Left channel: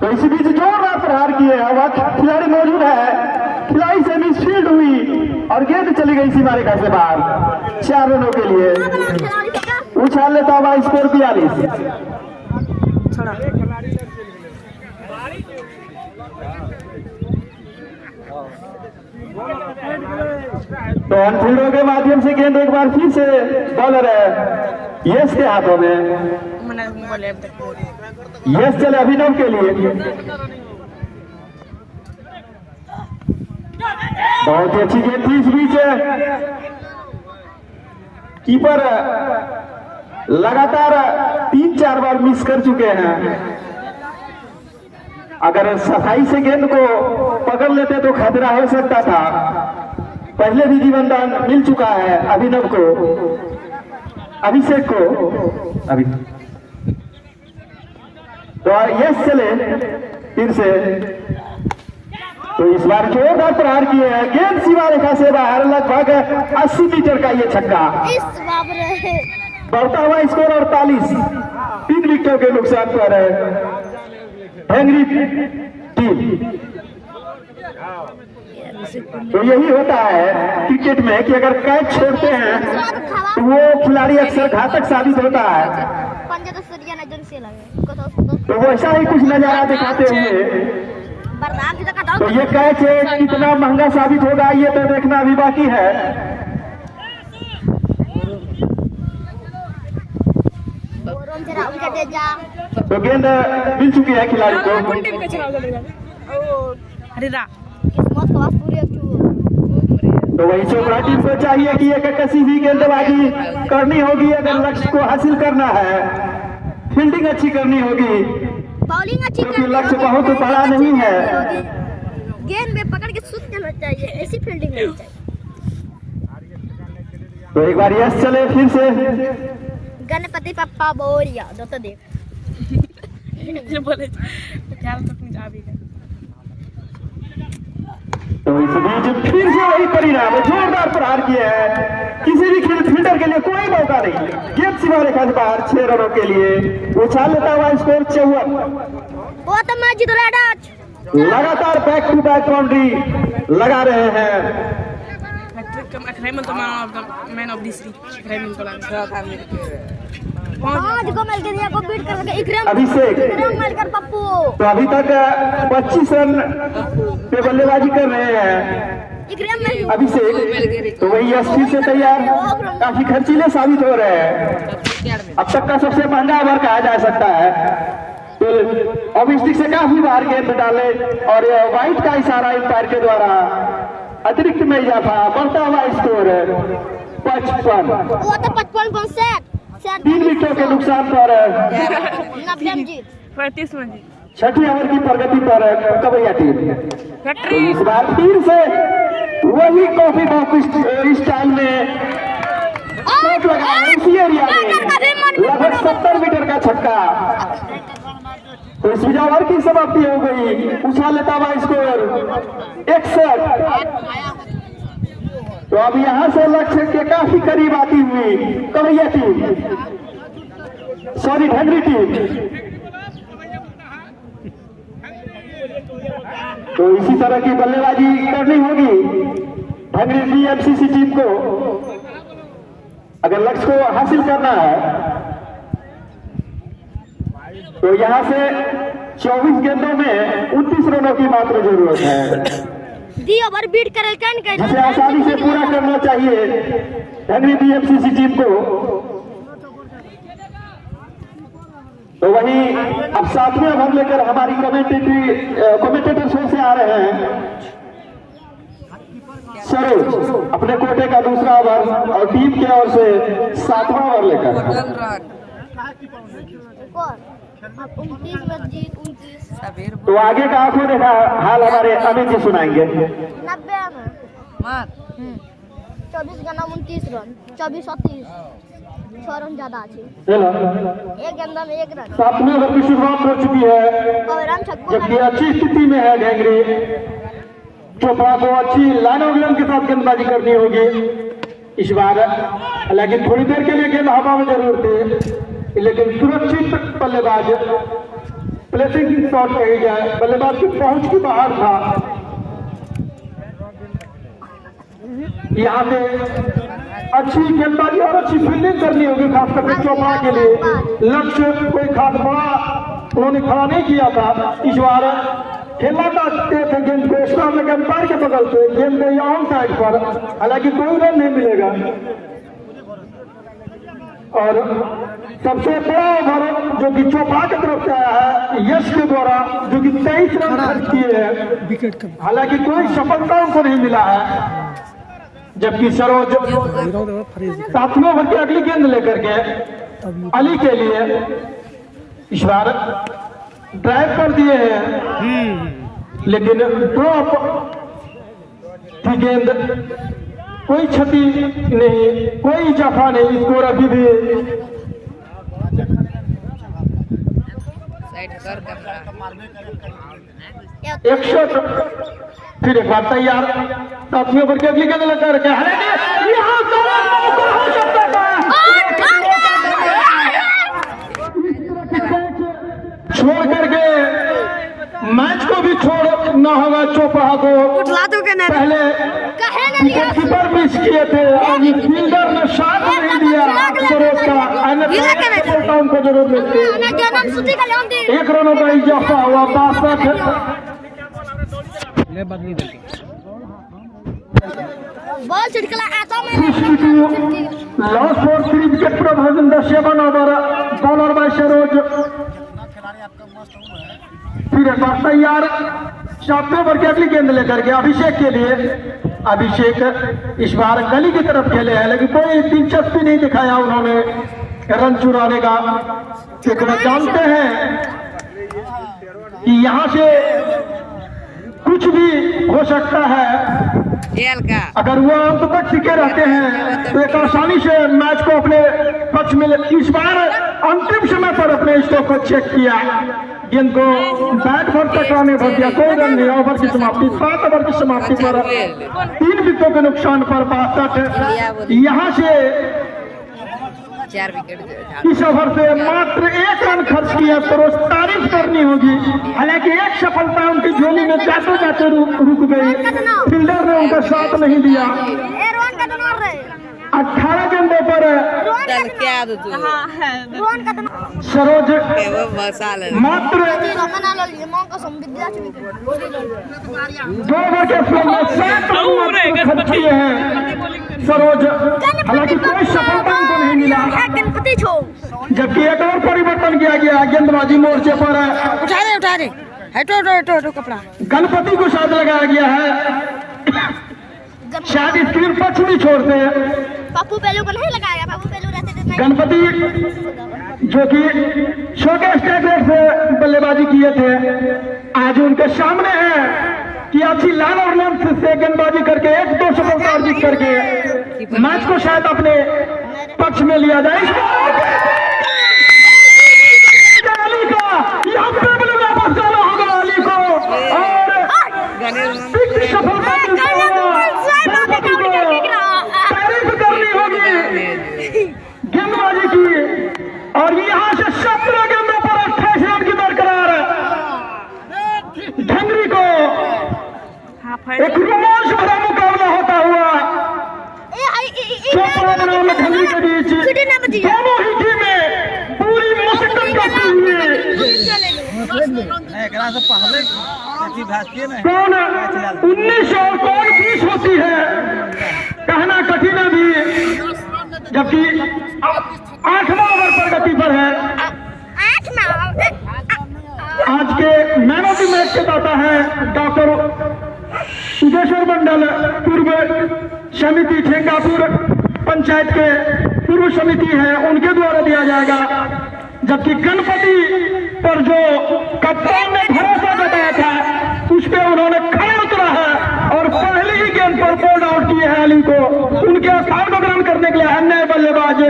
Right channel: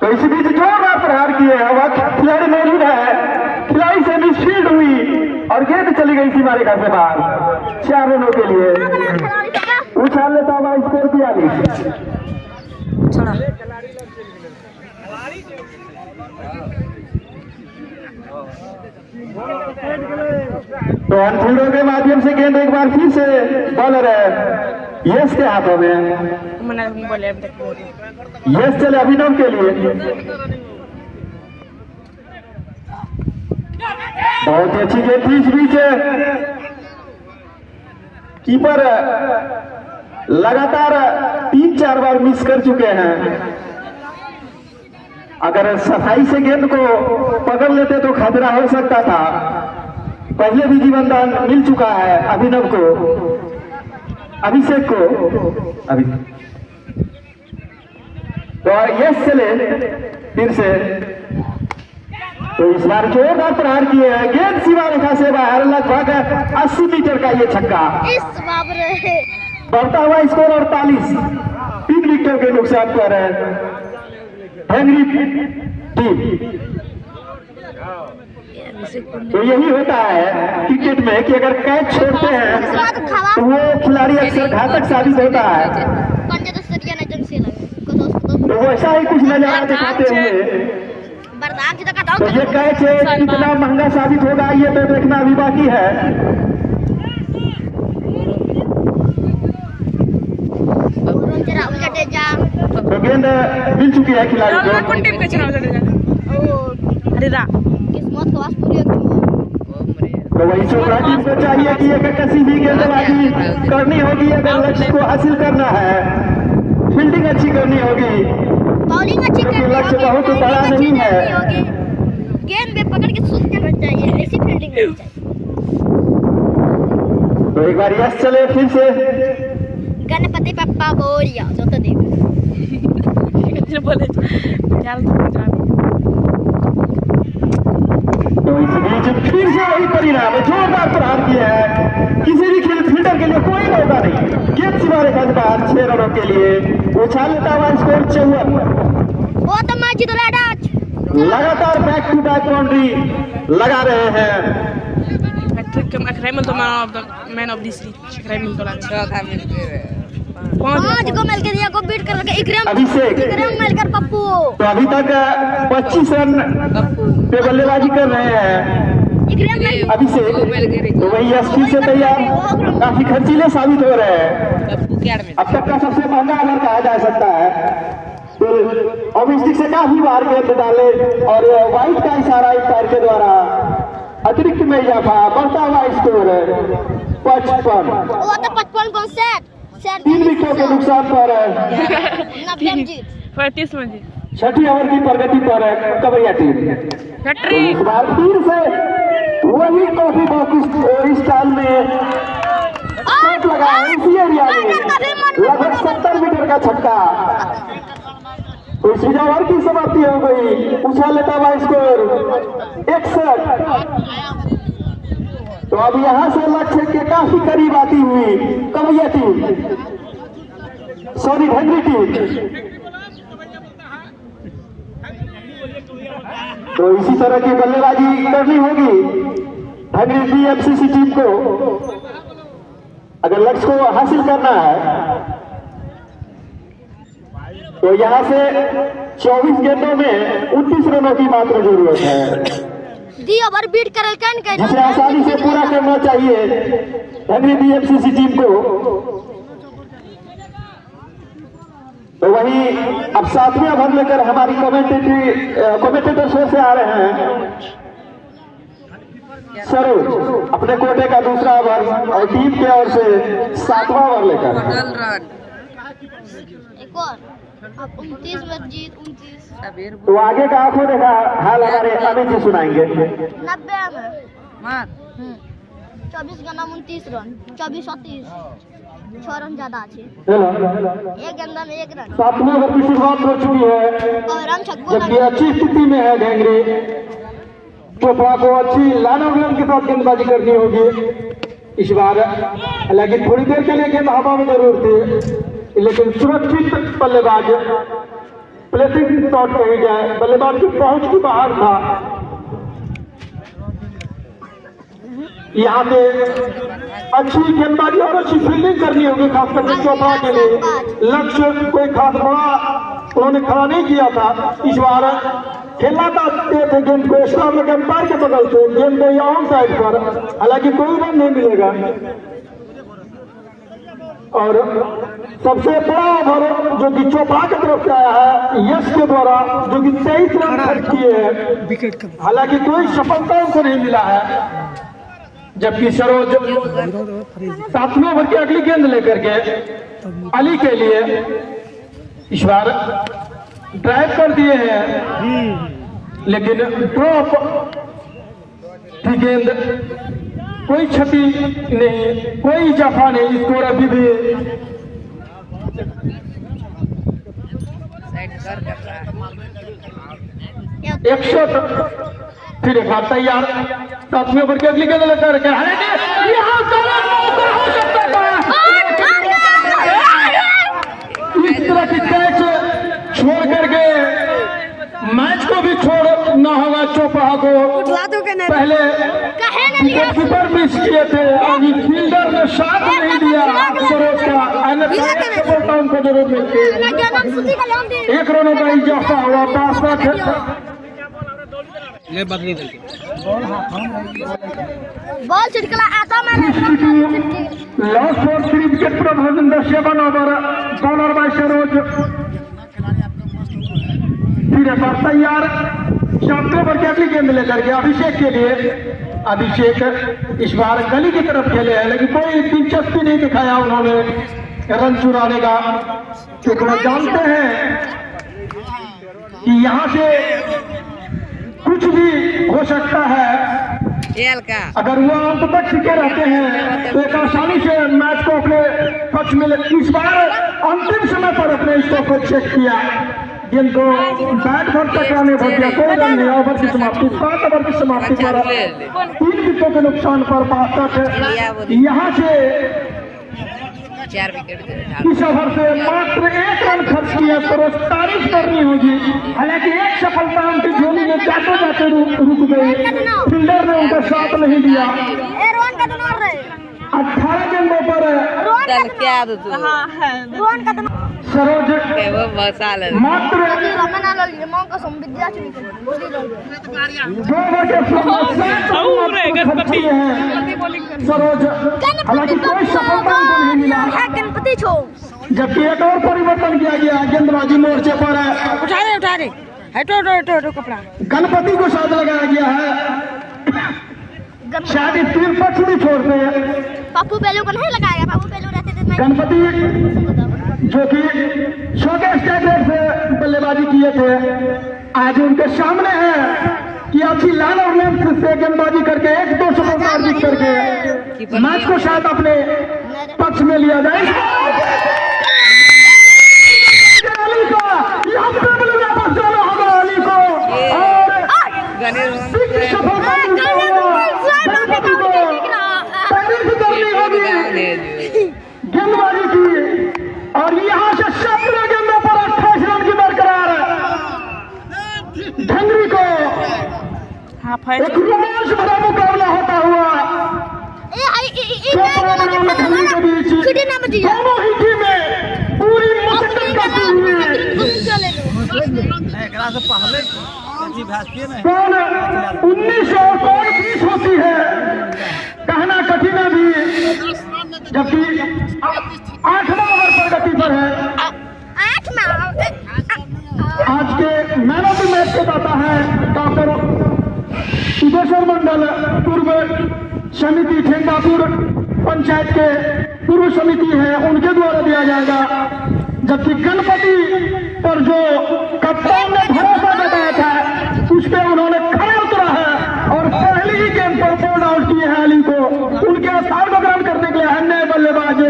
तो इसी बीच जोरदार प्रहार किए हैं, वह खिलाड़ी मौजूद है, खिलाड़ी से मिसफील्ड हुई और गेंद चली गई सीमा रेखा से बाहर। 4 रनों के लिए उछाल लेता हुआ स्कोर 42। तो अनफील्डों के माध्यम से गेंद एक बार फिर से बॉलर है यश के हाथों में। यश चले अभिनव के लिए, बहुत ही अच्छी गेंद थी। इस बीच कीपर लगातार 3-4 बार मिस कर चुके हैं। अगर सफाई से गेंद को पकड़ लेते तो खतरा हो सकता था। पहले भी जीवनदान मिल चुका है अभिनव को, अभिषेक को। अभी तो यस चले फिर से, तो इस बार जोरदार प्रहार किए हैं, गेंद सीमा रेखा से बाहर, लगभग 80 मीटर का ये छक्का। बढ़ता हुआ स्कोर 48, 3 विकेटों के नुकसान पर है हेनरी टीम। तो यही होता है क्रिकेट में कि अगर कैच छोड़ते हैं तो वो खिलाड़ी अक्सर घातक साबित होता है। तो वैसा ही कुछ नजारा दिखाते हुए तो ये कैच कितना महंगा साबित होगा ये तो देखना अभी बाकी है। तो गेंद मिल चुकी है खिलाड़ी को। तो वही चोपड़ा टीम को चाहिए कि अगर किसी भी गेंदबाजी करनी होगी, अगर लक्ष्य को हासिल करना है, फील्डिंग अच्छी करनी होगी, बॉलिंग अच्छी करनी लक्ष्य होगी, बहुत बड़ा नहीं है, गेंद में पकड़ के सूट करना चाहिए, ऐसी फील्डिंग होनी चाहिए। तो एक बार यस चले फिर से, गणपति पप्पा बोरिया जो तो देख तो इस बीच फिर से वही परिणाम, जोरदार प्रहार किए हैं, किसी भी फील्डर के लिए कोई मौका नहीं, गेंद सीमा रेखा से बाहर। 6 रनों के लिए उछाल लेता हुआ स्कोर 54। वो तो मैं जीत रहा, लगातार बैक टू बैक बाउंड्री लगा रहे हैं। मैन ऑफ दिस लीग 5 को मिल के दिया को बीट करके इकराम मिलकर पप्पू। तो अभी तक 25 रन पे बल्लेबाजी कर रहे हैं अभिषेक। तो वही एसपी से तैयार, काफी खर्चीले साबित हो रहे हैं। अब तक का सबसे महंगा ओवर कहा जा सकता है। तो ऑबिस्टिक से काफी बार गेंद डाले और वाइट का इशारा अंपायर के द्वारा अतिरिक्त में इजाफा, बढ़ता हुआ स्कोर 55। वो तो 55 कौन सेट 3 विकेटों के नुकसान पर 90 जीत 35 में जीत। 6ठी ओवर की प्रगति पर कबैया टीम। तो इस बार फिर से वही कॉफी बॉक्स स्टाइल में शॉट लगा है इसी एरिया में, लगभग 70 मीटर का छक्का। तो इस ओवर की समाप्ति हो गई, उछाल लेता हुआ स्कोर 61। तो अब यहां से लक्ष्य के काफी करीब आती हुई कबैया टीम, सॉरी ढंगरी टीम। तो इसी तरह की बल्लेबाजी करनी होगी ढंगरी डीएमसीसी टीम को अगर लक्ष्य को हासिल करना है। तो यहां से 24 गेंदों में 29 रनों की मात्र जरूरत है, दी ओवर बीट कर जिसे आसानी से पूरा करना चाहिए ढंगरी डीएमसीसी टीम को। तो वही अब 7वें ओवर लेकर हमारी कमेंटेटर शो से आ रहे हैं सरोज, अपने कोटे का दूसरा ओवर और टीम की ओर से 7वां ओवर लेकर। एक और अब 29 में जीत 29। तो आगे का आंखों देखा हाल हमारे अमित जी सुनाएंगे। 90 में 24 का नाम 29 रन 24 और 30 6 रन ज्यादा अच्छे। एक गेंदा में 1 रन। 7वें ओवर की शुरुआत हो चुकी है और रन छक्कों जबकि अच्छी स्थिति में है ढंगरी। चोपड़ा को अच्छी लाइन ऑफ लेंथ के साथ गेंदबाजी करनी होगी इस बार, लेकिन थोड़ी देर के लिए गेंद हवा में जरूर थी, लेकिन सुरक्षित बल्लेबाज प्लेसिंग शॉट कही जाए, बल्लेबाज की पहुंच की बाहर था। यहाँ पे अच्छी गेंदबाजी और अच्छी फील्डिंग करनी होगी, खास करके चोपड़ा के लिए। लक्ष्य कोई खास बड़ा उन्होंने खड़ा नहीं किया था। इस बार खेलना चाहते थे गेंद को स्टॉप में अंपायर के बगल से, गेंद गई ऑन साइड पर, हालांकि कोई रन नहीं मिलेगा। और सबसे बड़ा ओवर जो कि चोपड़ा की तरफ से आया है यश के द्वारा, जो कि 23 रन खर्च किए हैं, हालांकि कोई सफलता उनको नहीं मिला है। जबकि सरोज 7वें ओवर की अगली गेंद लेकर के अली के लिए इस बार ड्राइव कर दिए हैं, लेकिन ड्रॉप की गेंद, कोई क्षति नहीं, कोई जफा नहीं। स्कोर अभी भी एक शॉट फिर एक बार तैयार। 7वें ओवर की अगली गेंद लेकर के इस तरह की कैच छोड़ करके मैच को भी छोड़ना होगा। चोपड़ा को पहले विकेट कीपर मिस किए थे, अभी फील्डर ने साथ नहीं दिया सरोज का, अन्यथा उनको जरूर मिलती। 1 रनों का इजाफा हुआ, 5 बदली बॉल छिड़कला आता लास्ट फॉर क्रिकेट प्रभाजन 7 ओवर बॉलर बाय सरोज। फिर एक बार तैयार। 7 ओवर की अगली गेंद लेकर के अभिषेक के लिए। अभिषेक इस बार गली की तरफ खेले हैं, लेकिन कोई दिलचस्पी नहीं दिखाया उन्होंने रन चुराने का, क्योंकि वो जानते हैं कि यहाँ से कुछ भी हो सकता है। अगर वो अंत तक टिके रहते हैं तो एक आसानी से मैच को अपने पक्ष में। इस बार अंतिम समय पर अपने स्टॉक को चेक किया, गेंद को बैट पर टकराने भर दिया, कोई रन नहीं। ओवर की समाप्ति 7 ओवर की समाप्ति पर 3 विकेटों के नुकसान पर 62। यहाँ से 4 विकेट इस ओवर से मात्र 1 रन खर्च किया, तो रोज तारीफ करनी होगी। हालांकि एक सफलता उनकी झोली में जाते जाते रुक गई, फील्डर ने उनका साथ नहीं दिया। 18 गेंदों पर सरोज मात्र 2 खर्च किए हैं सरोज, हालांकि कोई सफलता उनको नहीं मिला। जबकि एक और परिवर्तन किया गया गेंदबाजी मोर्चे पर। उठा दे हटो कपड़ा। गणपति को साथ लगाया गया है, शायद इस तीन पक्ष भी छोड़ते हैं। पप्पू पेलू को नहीं लगाया, पप्पू पेलू रहते थे। गणपति जो कि छोटे स्टेट से बल्लेबाजी किए थे, आज उनके सामने है कि अच्छी लाइन और लेंथ से गेंदबाजी करके 1-2 सफलता अर्जित करके मैच को शायद अपने पक्ष में लिया जाए। अली को यहाँ पे भी वापस जाना होगा, अली को, और सफलता तारीफ करनी होगी गेंदबाजी की। और यहाँ से 17 गेंदों पर 28 रन की बरकरार ढंगरी को एक रोमांच भरा मुकाबला होता हुआ ढंगरी के बीच दोनों ही टीमें पूरी मशक्कत करती हुई। कौन 19 और कौन 20 होती है कहना कठिन है भी, जबकि 8वां ओवर प्रगति पर है। आज के मैन ऑफ द मैच के दाता है डॉक्टर सुदेश्वर मंडल, पूर्व समिति ठेंगापुर पंचायत के पूर्व समिति है, उनके द्वारा दिया जाएगा। जबकि गणपति पर जो कप्तान ने भरोसा बताया था उस पर उन्होंने खड़ा उतरा है और पहली ही गेंद पर बोल्ड आउट किए हैं अली को। उनके स्थान को ग्रहण करने के लिए अन्य बल्लेबाज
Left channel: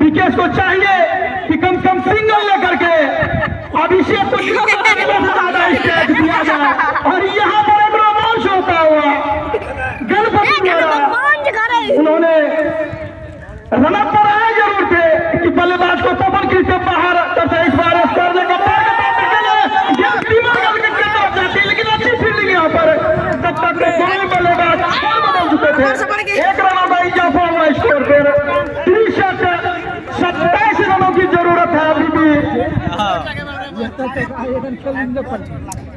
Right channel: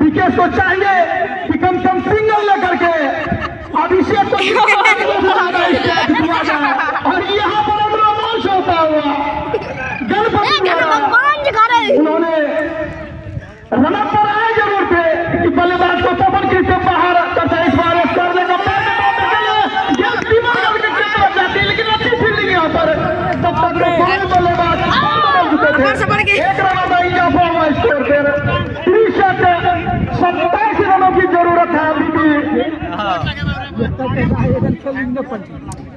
विकेश को चाहिए कि कम से कम सिंगल लेकर के अभिषेक को दिया जाए। और यहाँ पर एक रोमांच होता हुआ गणपति द्वारा उन्होंने रनअप पर आए जरूर थे कि बल्लेबाज को पवन की से बाहर एक रनों का इजाफा हुआ स्कोर पर। 27 रनों की जरूरत है अभी भी।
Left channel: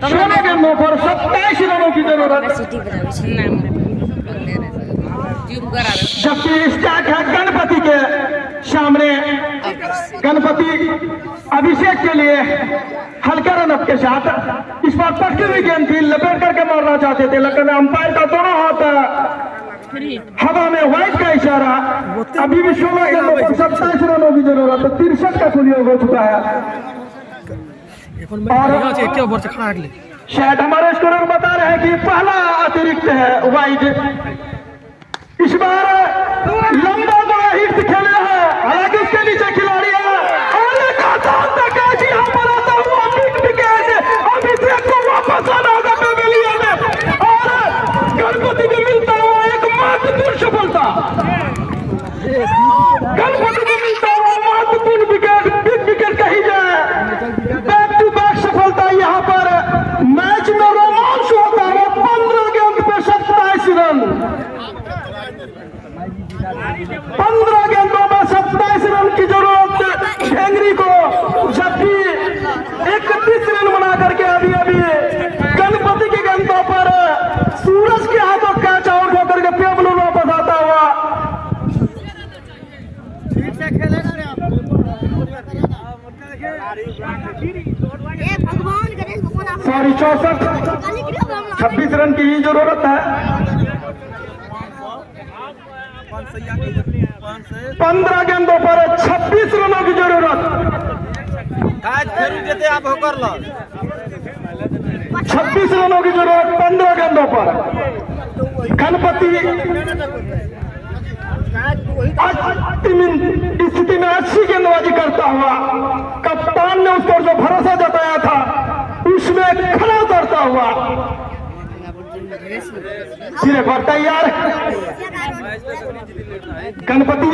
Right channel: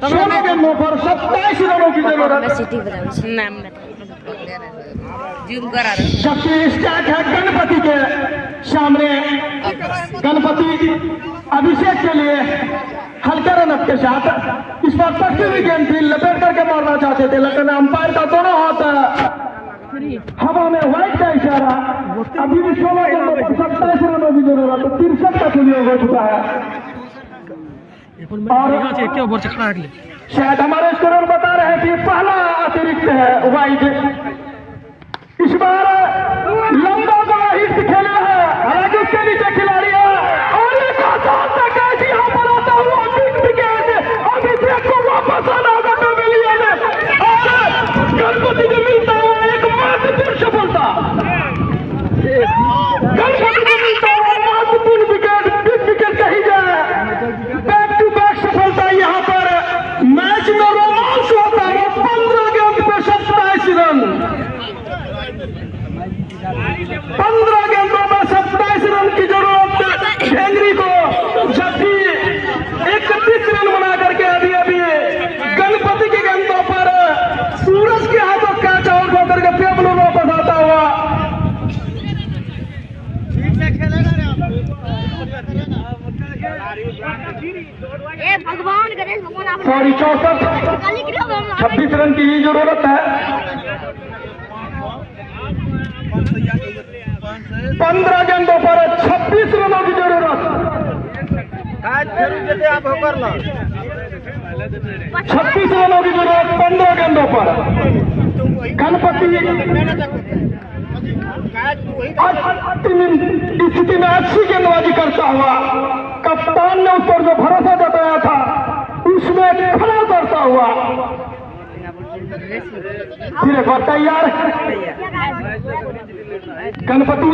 16 गेंदों पर 27 रनों की जरूरत। जबकि स्टार्ट है गणपति के सामने। गणपति अभिषेक के लिए हल्के रनअप के साथ इस बार पक्की हुई गेंद थी, लपेट करके मारना चाहते थे, लेकिन अंपायर का दोनों हाथ हवा में व्हाइट का इशारा। अभी भी 16 गेंदों पर 27 रनों की जरूरत। 63 का कुलियोग हो चुका है। और शायद हमारे स्कोरर बता रहे हैं कि पहला अतिरिक्त है व्हाइट। इस बार लंबा बड़ा हिट खेले हैं, हालांकि उसके नीचे खिलाड़ी है और एक आसान सा कैच यहाँ पर आता हुआ बिग विकेट। अभिषेक को वापस आना होगा पेविलियन में और गणपति को मिलता हुआ एक महत्वपूर्ण सफलता। गणपति को मिलता हुआ महत्वपूर्ण विकेट, बिग विकेट कही जाए। बैक टू बैक सफलता यहाँ पर। मैच में रोमांच होता है। 15 गेंद पे 27 रन। 15 गेंदों में 27 रन की जरूरत हेनरी को, जबकि 31 रन बना करके अभी गणपति की गेंदों पर सूरज के हाथों कैच आउट होकर के पेबलो वापस आता हुआ। सॉरी 64, 26 रन की ही जरूरत है। 15 गेंदों पर 26 रनों की जरूरत। 26 रनों की जरूरत 15 गेंदों पर। गणपति अंतिम स्थिति में अच्छी गेंदबाजी करता हुआ, कप्तान ने उस पर जो भरोसा जताया था उसमें खरा उतरता हुआ सिरे पर तैयार। गणपति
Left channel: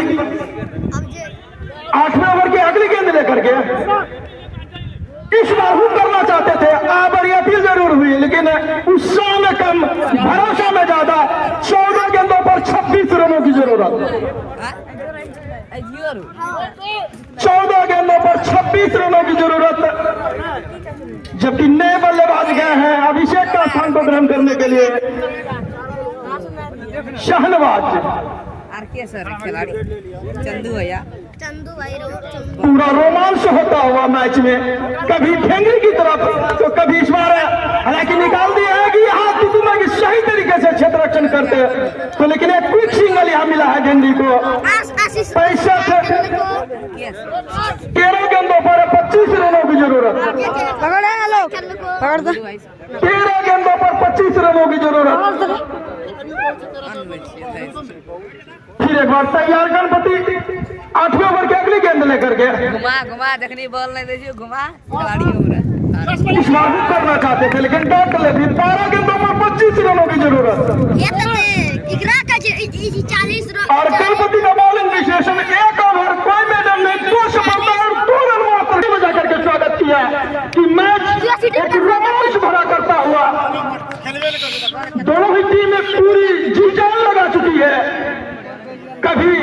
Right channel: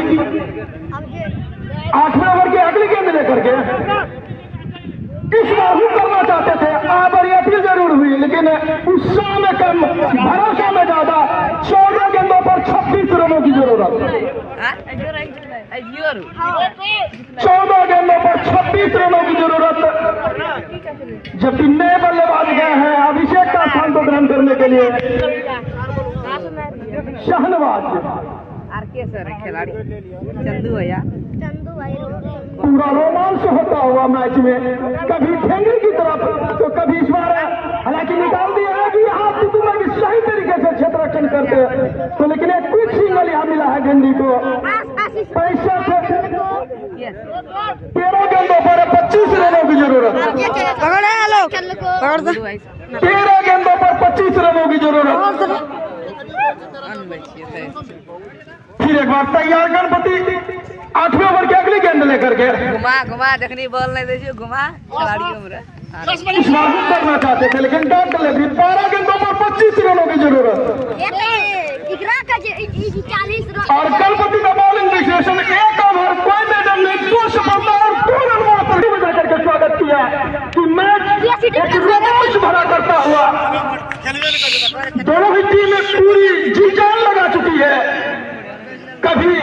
8वें ओवर की अगली गेंद लेकर के इस बार हुक करना चाहते थे। आबर अपील जरूर हुई, लेकिन उत्साह में कम, भरोसा में ज्यादा। 14 गेंदों पर 26 रनों की जरूरत। 14 गेंदों पर 26 रनों की जरूरत। जबकि नए बल्लेबाज गए हैं अभिषेक का स्थान को ग्रहण करने के लिए। शाहनवाज खिलाड़ी चंदू भैया, चंदू भाई पूरा रोमांच होता हुआ मैच में, कभी ठेंगरी की तरफ तो कभी इस बार हालांकि निकाल दिया है कि यहाँ तुतुमा की सही तरीके से क्षेत्र रक्षण करते तो, लेकिन एक क्विक सिंगल यहाँ मिला है झंडी को। 65 13 गेंदों पर 25 रनों की जरूरत। पकड़ लोग, पकड़ दो। 13 गेंदों पर 25 रनों की जरूरत। फिर एक बार तैयार गणपति 8वें ओवर की अगली गेंद लेकर के घुमा देखनी बॉल नहीं देखिए, घुमा खिलाड़ी हो रहा इस बार हुक करना चाहते थे, लेकिन डॉट डले। फिर 12 गेंदों पर 25 रनों की जरूरत। और गणपति का बॉलिंग विशेषण 1 ओवर कोई मैडम ने 2 सफलता और 2 रन मात्र बजा करके स्वागत किया कि मैच एक रोमांच भरा करता हुआ। दोनों ही टीमें पूरी जी जान लगा चुकी है। कभी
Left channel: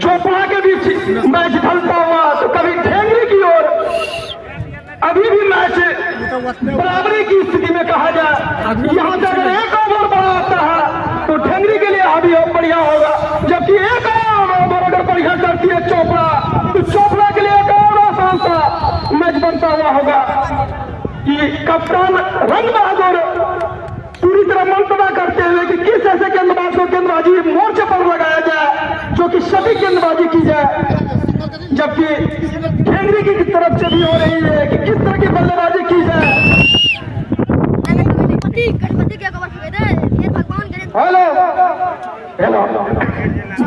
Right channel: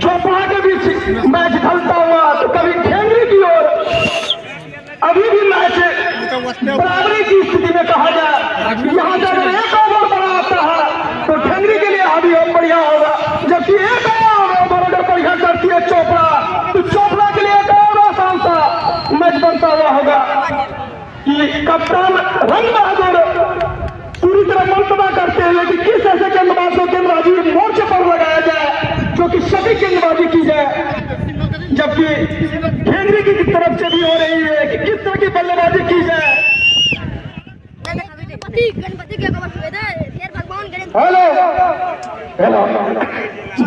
चोपड़ा के बीच मैच ढलता हुआ तो कभी ठेंगरी की ओर। अभी भी मैच बराबरी की स्थिति में कहा जाए। यहाँ से अगर 1 ओवर बड़ा आता है तो ठेंगरी के लिए अभी बढ़िया होगा, जबकि 1 ओवर अगर बढ़िया करती है चोपड़ा तो चोपड़ा के लिए एक और आसान सा मैच बनता हुआ होगा कि कप्तान रंग बहादुर पूरी तरह मंतवा करते हुए कि किस ऐसे गेंदबाज को गेंदबाजी मोर्चे पर लगाया जाए जो कि सभी गेंदबाजी की जाए। जबकि ठेंगरी की तरफ से भी हो रही है कि किस तरह की बल्लेबाजी की जाए। हेलो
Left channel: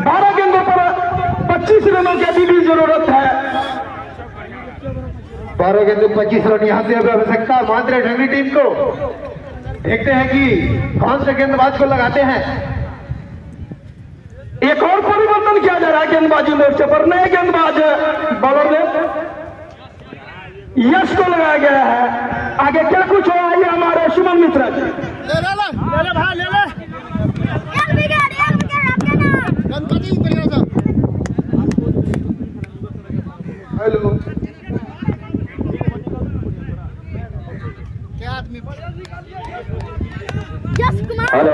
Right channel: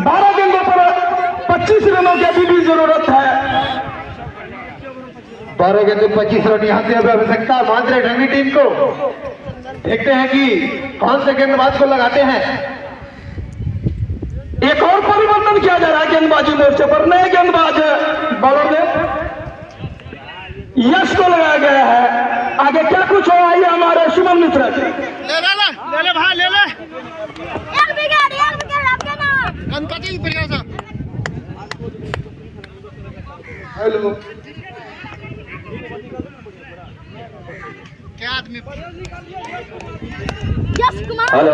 12 गेंदों पर 25 रनों की अभी भी जरूरत है। 12 गेंदों 25 रन यहाँ से आवश्यकता मान रहे ठेंगरी टीम को। देखते हैं कि कौन से गेंदबाज को लगाते हैं। एक और परिवर्तन किया जा रहा है गेंदबाजी मोर्चे पर। नए गेंदबाज बॉलर ने यश को लगाया गया है। आगे क्या कुछ हो, आइए हमारे शुभम मित्र। ले भाई ले ले हेलो क्या आदमी हेलो।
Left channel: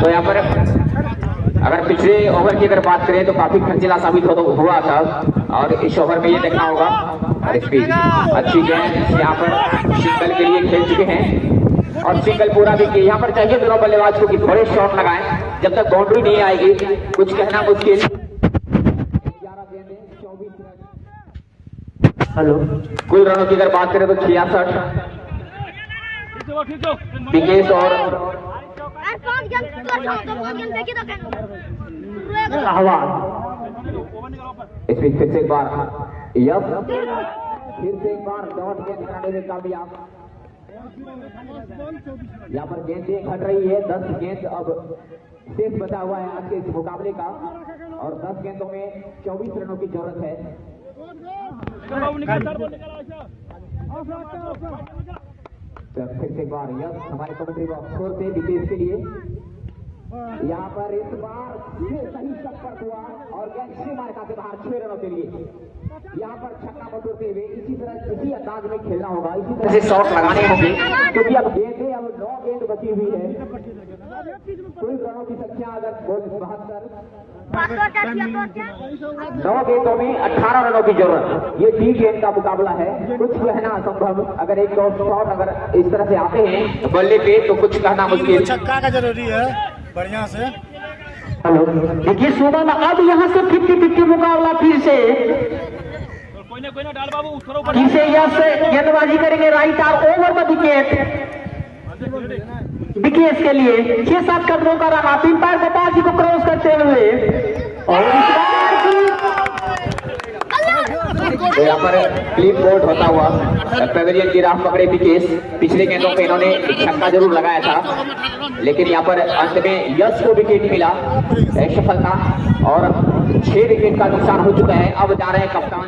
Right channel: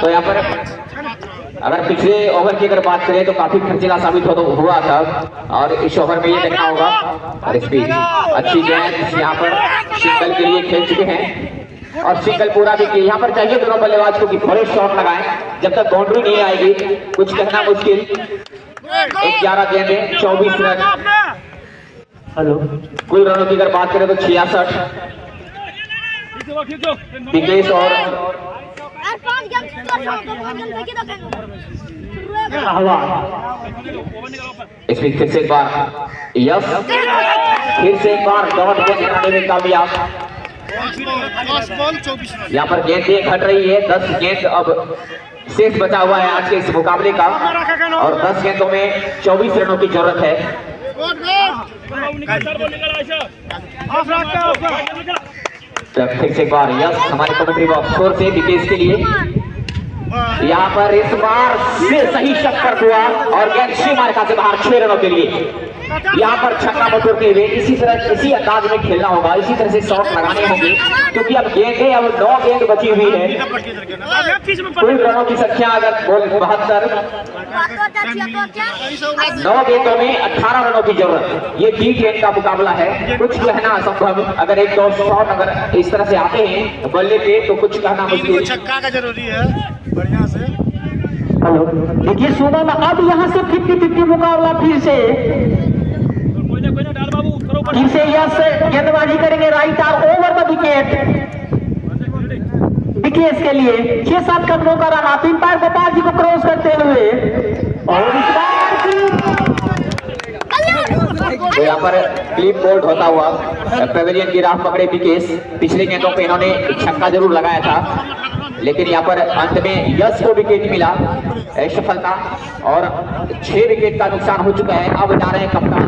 तो यहाँ पर अगर पिछले ओवर की अगर बात करें तो काफी खर्चीला साबित हुआ था और इस ओवर में ये देखना होगा। और स्पीड अच्छी गेंद यहाँ पर सिंगल के लिए खेल चुके हैं और सिंगल पूरा भी किया। यहाँ पर चाहिए दोनों बल्लेबाज को कि बड़े शॉट लगाएं, जब तक बाउंड्री नहीं आएगी कुछ कहना मुश्किल। 11 गेंदें 24 रन। हेलो। कुल रनों की अगर बात करें तो 66। विकेश और हवा। इसमें फिर से एक बार यस, फिर से एक बार डॉट को बनाने में कामयाब। यहाँ पर गेंदें घट रही है। 10 गेंद अब शेष बचा हुआ है आज के इस मुकाबले का और 10 गेंदों में 24 रनों की जरूरत है। फिर से एक बार यस हमारे कमेंट्री बॉक्स स्कोर से विकेट के लिए। यहाँ पर इस बार से सही शक्कर हुआ और गेंद सीमारेखा से बाहर 6 रनों के लिए। यहाँ पर छक्का बटोरते हुए इसी तरह इसी अंदाज में खेलना होगा, इसी तरह से शॉट लगाने होंगे क्योंकि अब गेंदें अब 9 गेंद बची हुई है। कुल रनों की संख्या अगर 72, 9 गेंदों में 18 रनों की जरूरत। ये T10 का मुकाबला है, कुछ कहना असंभव। अगर 1-2 शॉट अगर इस तरह से आते हैं बल्ले पे तो कुछ कहना मुश्किल। छक्का का जरूरी है बढ़िया से। हेलो। देखिए सुबह में अब यहाँ से 50-50 मुकाबला फिर से यस गेंदबाजी करेंगे right arm over the wicket. Wicket के लिए 6-7 कदमों का रन आप अंपायर गोपाल जी को क्रॉस करते हुए और तो यहाँ पर क्लीन बोल्ड होता हुआ पेवेलियन की राह पकड़े विकेश। पिछले गेंदों पे इन्होंने छक्का जरूर लगाया था लेकिन यहाँ पर अंत में यश को विकेट मिला, सफलता और 6 विकेट का नुकसान हो चुका है। अब जा रहे हैं कप्तान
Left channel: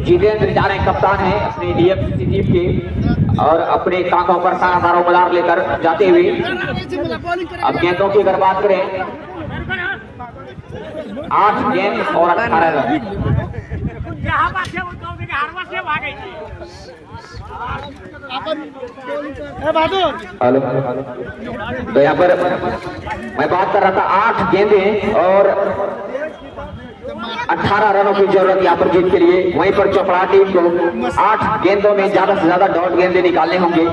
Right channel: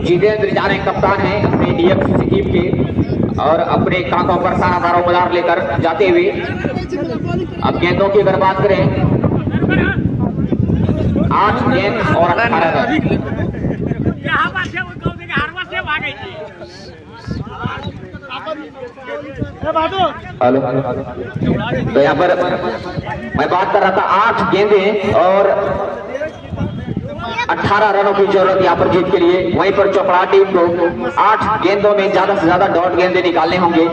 जितेंद्र जा रहे हैं कप्तान है अपने डीएफसीसी टीम के और अपने कांधों पर सारा दारोमदार लेकर जाते हुए। अब गेंदों की अगर बात करें 8 गेंद और 18 रन। हेलो। तो यहाँ पर मैं बात कर रहा था 8 गेंदें और 18 रनों की जरूरत यहाँ पर जीत के लिए। वहीं पर चोपड़ा टीम को 8 गेंदों में ज्यादा से ज्यादा डॉट गेंदें निकालने होंगे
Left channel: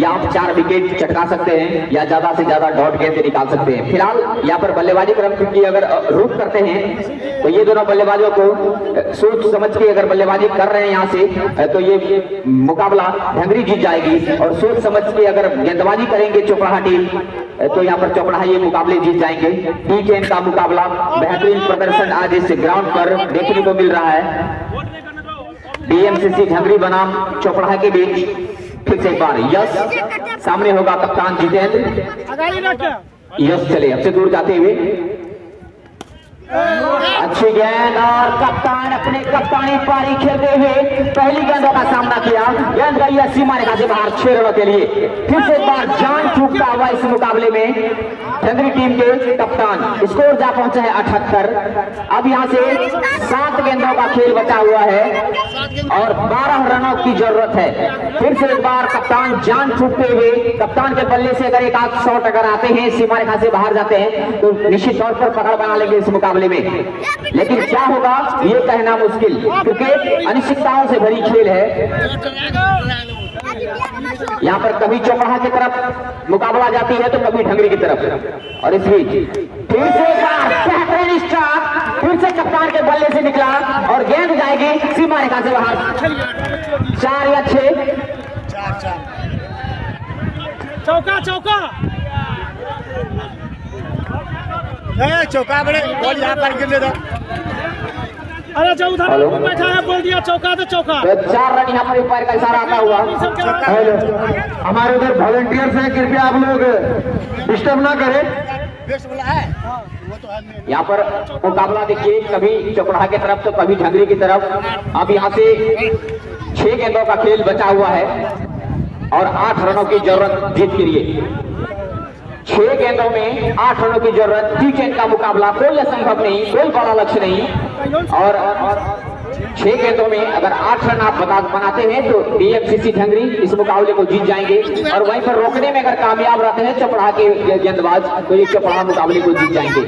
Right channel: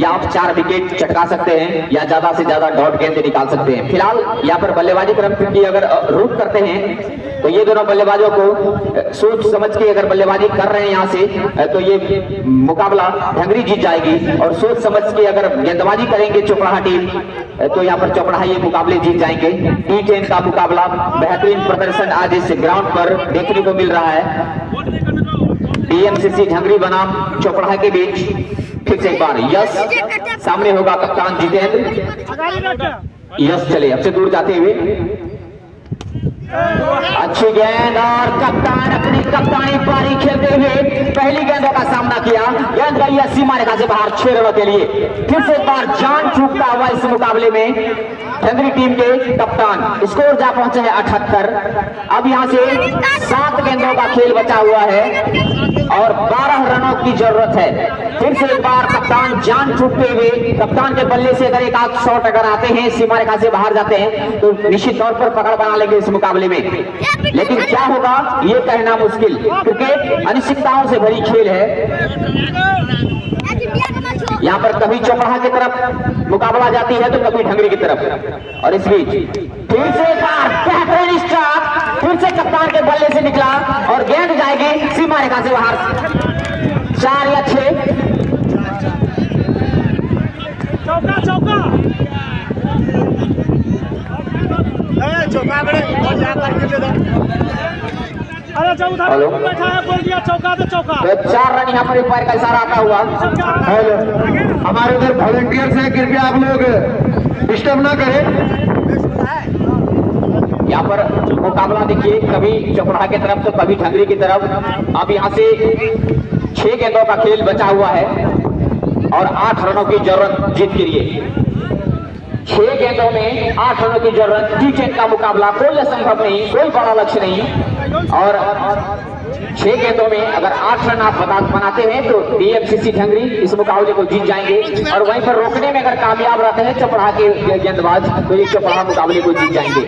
या आप 4 विकेट चटका सकते हैं या ज्यादा से ज्यादा डॉट गेंदें निकाल सकते हैं। फिलहाल यहाँ पर बल्लेबाजी क्रम की अगर रुख करते हैं तो ये दोनों बल्लेबाजों को सोच समझ के अगर बल्लेबाजी कर रहे हैं यहाँ से तो ये मुकाबला ढंगरी जीत जाएगी और सोच समझ के अगर गेंदबाजी करेंगे चोपड़ा टीम तो यहाँ पर चोपड़ा ये मुकाबले जीत जाएंगे। T10 का मुकाबला बेहतरीन प्रदर्शन आज इस ग्राउंड पर देखने को मिल रहा है। डीएमसीसी ढंगरी बनाम चोपड़ा के बीच फिर से एक बार यश सामने होगा कप्तान जितेंद्र। यश चले सबसे दूर जाते हुए अच्छी गेंद और कप्तान अपनी कप्तानी पारी खेलते हुए पहली गेंदों का सामना किया। गेंद गई है सीमारेखा से बाहर 6 रनों के लिए। फिर से एक बार जान चूकता हुआ इस मुकाबले में ढंगरी टीम के कप्तान। स्कोर जा पहुंचा है 78। अब यहां से 7 गेंदों का खेल बचा हुआ है और 12 रनों की जरूरत है। फिर से एक बार कप्तान जान छूटते हुए कप्तान के बल्ले से अगर एक आध शॉट अगर आते हैं सीमारेखा से बाहर जाते हैं तो निश्चित तौर पर पकड़ बना लेंगे इस मुकाबले में। लेकिन क्या होगा ये कहना मुश्किल क्योंकि अनिश्चितताओं से भरी खेल है। यहाँ पर कभी चौपड़ा की तरफ मुकाबला जाती है तो कभी ढंगरी की तरफ। और इस बीच फिर से एक बार बेहतरीन स्टार्ट फिर से कप्तान के बल्ले से निकला और गेंद जाएगी सीमारेखा से बाहर 4 या 6। चौका चौका चौका बड़े और यहाँ पर गिर दो। अरे जो उधर बैठा है बोल दिया चौका तो चौका। 4 रन यहाँ पर पैर का इशारा आता हुआ। हमारे इधर वॉलंटियर्स हैं, कृपया आप लोग डिस्टर्ब ना करें। यहाँ पर मुकाबला देखिए कभी चौपड़ा की तरफ तो कभी ढंगरी की तरफ। अब यहाँ से 6 गेंदों का खेल बचा हुआ है। और 8 रनों की जरूरत जीत के लिए। 6 गेंदों में 8 रनों की जरूरत, टी10 का मुकाबला, कोई असंभव नहीं, कोई बड़ा लक्ष्य नहीं। और 6 गेंदों में अगर 8 रन आप बनाते हैं तो डीएमसीसी ढंगरी इस मुकाबले को जीत जाएंगे। और वहीं पर रोकने में अगर कामयाब रहते हैं चपड़ा के गेंदबाज तो ये चपड़ा मुकाबले को जीत जाएंगे।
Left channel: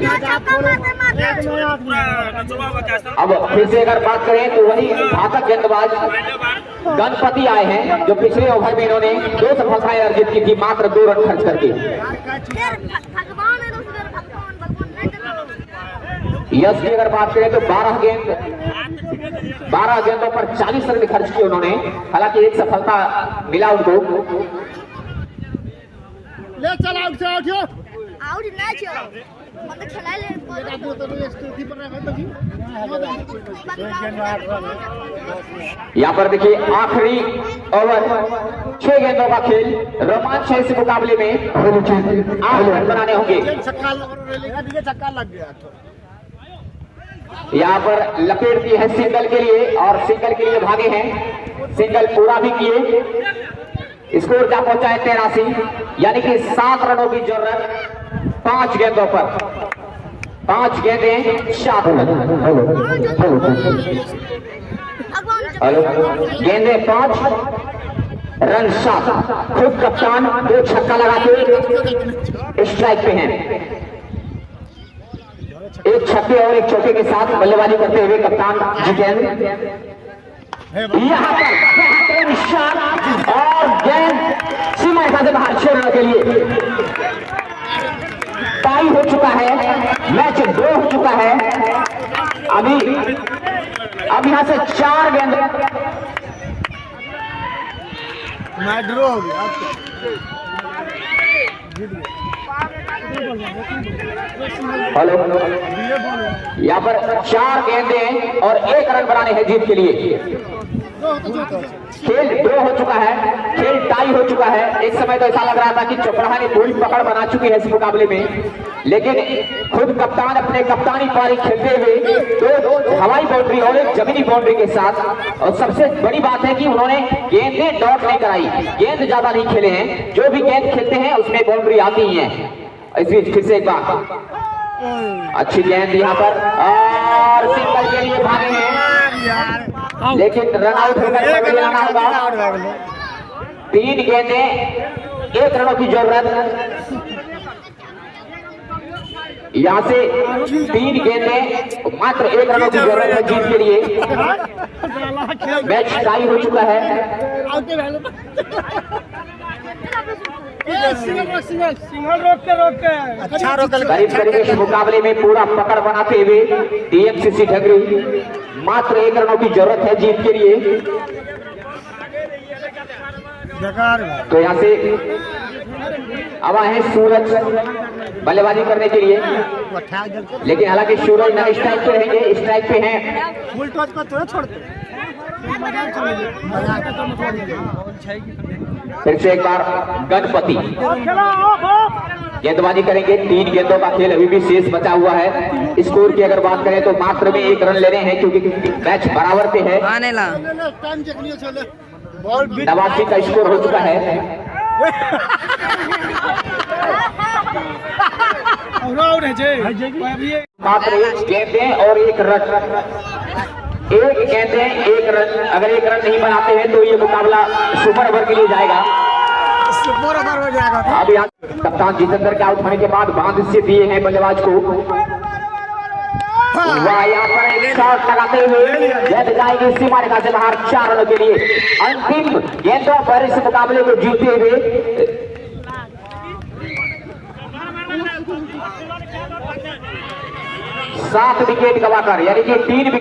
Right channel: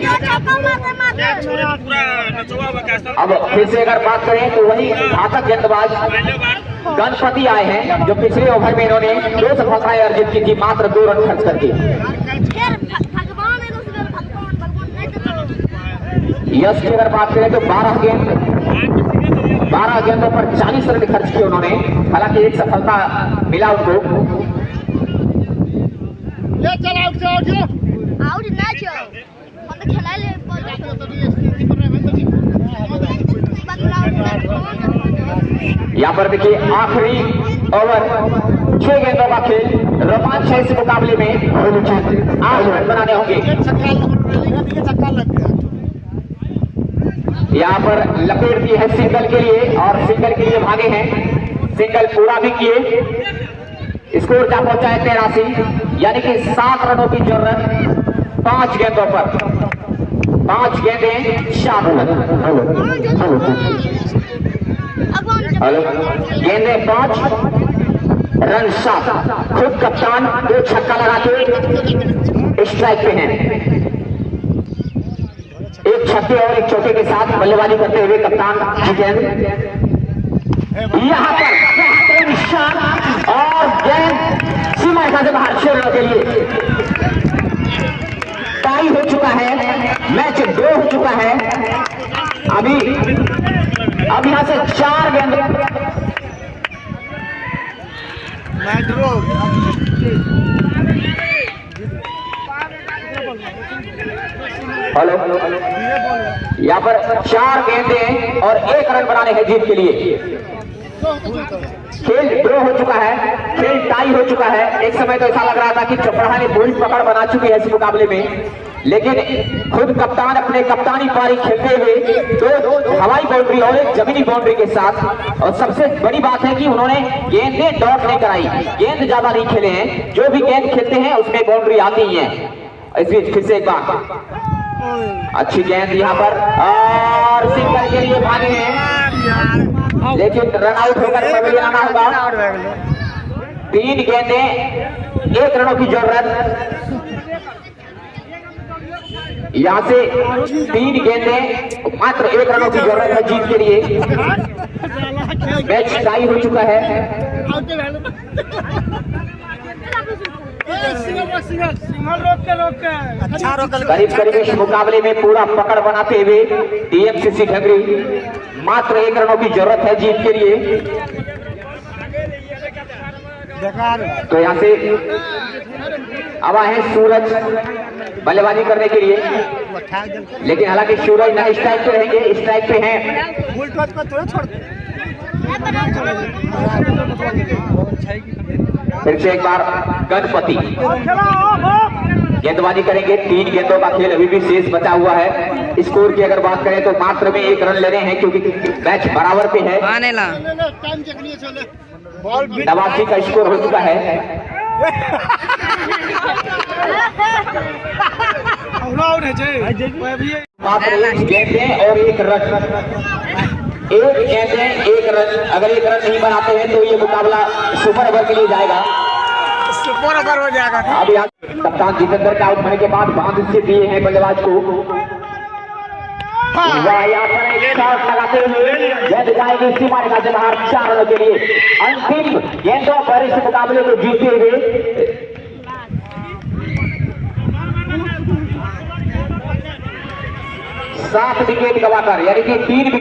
अब फिर से अगर बात करें तो वही घातक गेंदबाज गणपति आए हैं, जो पिछले ओवर में इन्होंने 2 सफलताएं अर्जित की थी मात्र 2 रन खर्च करके। यश की अगर बात करें तो 12 गेंदों पर 40 रन खर्च किए उन्होंने, हालांकि एक सफलता मिला उनको। यहाँ पर देखिए आखिरी ओवर, 6 गेंदों का खेल, रोमांच है इस मुकाबले में। 8 रन बनाने होंगे। यहाँ पर लपेट दी है सिंगल के लिए और सिंगल के लिए भागे हैं, सिंगल पूरा भी किए। स्कोर क्या पहुंचा है 83, यानी कि 7 रनों की जरूरत 5 गेंदों पर। 5 गेंदें 7 रन। हेलो, गेंदे 5 रन 7। खुद कप्तान 2 छक्का लगा के स्ट्राइक पे हैं। एक छक्के और एक चौके के साथ बल्लेबाजी करते हुए कप्तान जितेंद्र। यहाँ पर बेहतरीन शॉट और गेंद सीमा रेखा से बाहर छोड़ने के लिए। टाई हो चुका है, मैच 2 हो चुका है। अब यहाँ से 4 गेंद हेलो, यहाँ पर 4 गेंदें और 1 रन बनाने हैं जीत के लिए। खेल 2 हो चुका है, खेल टाई हो चुका है। एक समय तो ऐसा लग रहा था कि चपराहा ने पूरी पकड़ बना चुकी है इस मुकाबले में, लेकिन खुद कप्तान अपने कप्तानी पारी खेलते हुए 2 हवाई बाउंड्री और 1 जमीनी बाउंड्री के साथ। और सबसे बड़ी बात है कि उन्होंने गेंदें डॉट नहीं कराई, गेंद ज्यादा नहीं खेले हैं। जो भी गेंद खेलते हैं उसमें बाउंड्री आती ही है। इस बीच फिर से एक बार अच्छी गेंद यहाँ पर और सिंगल के लिए भागे हैं, लेकिन रन आउट होकर आना होगा। 3 गेंदें 1 रनों की जरूरत। यहाँ से 3 गेंदें मात्र 1 रनों की जरूरत है जीत के लिए। मैच टाई हो चुका है। करीब करीब इस मुकाबले में पूरा पकड़ बनाते हुए डीएमसीसी ढंगरी मात्र 1 रनों की जरूरत है जीत के लिए। तो यहाँ से अब आए सूरज बल्लेबाजी करने के लिए, लेकिन हालांकि सूरज नहीं स्ट्राइक पे रहेंगे, स्ट्राइक पे हैं। फिर से एक बार गणपति गेंदबाजी करेंगे। 3 गेंदों का खेल अभी भी शेष बचा हुआ है। स्कोर की अगर बात करें तो मात्र में 1 रन लेने हैं, क्योंकि मैच बराबर पे है। 89 का स्कोर हो चुका है। मात्र 1 गेंदें और 1 रन। 1 गेंदें 1 रन। अगर 1 रन नहीं बनाते हैं तो ये मुकाबला सुपर ओवर के लिए जाएगा। सुपर ओवर हो जाएगा। अभी कप्तान जितेंद्र का आउट होने के बाद बांध से दिए हैं बल्लेबाज को। वह यहाँ पर एक शॉट लगाते हुए गेंद जाएगी सीमा रेखा से बाहर 4 रनों के लिए। अंतिम गेंदों पर इस मुकाबले को जीतते हुए 7 विकेट गवाकर, यानी कि 3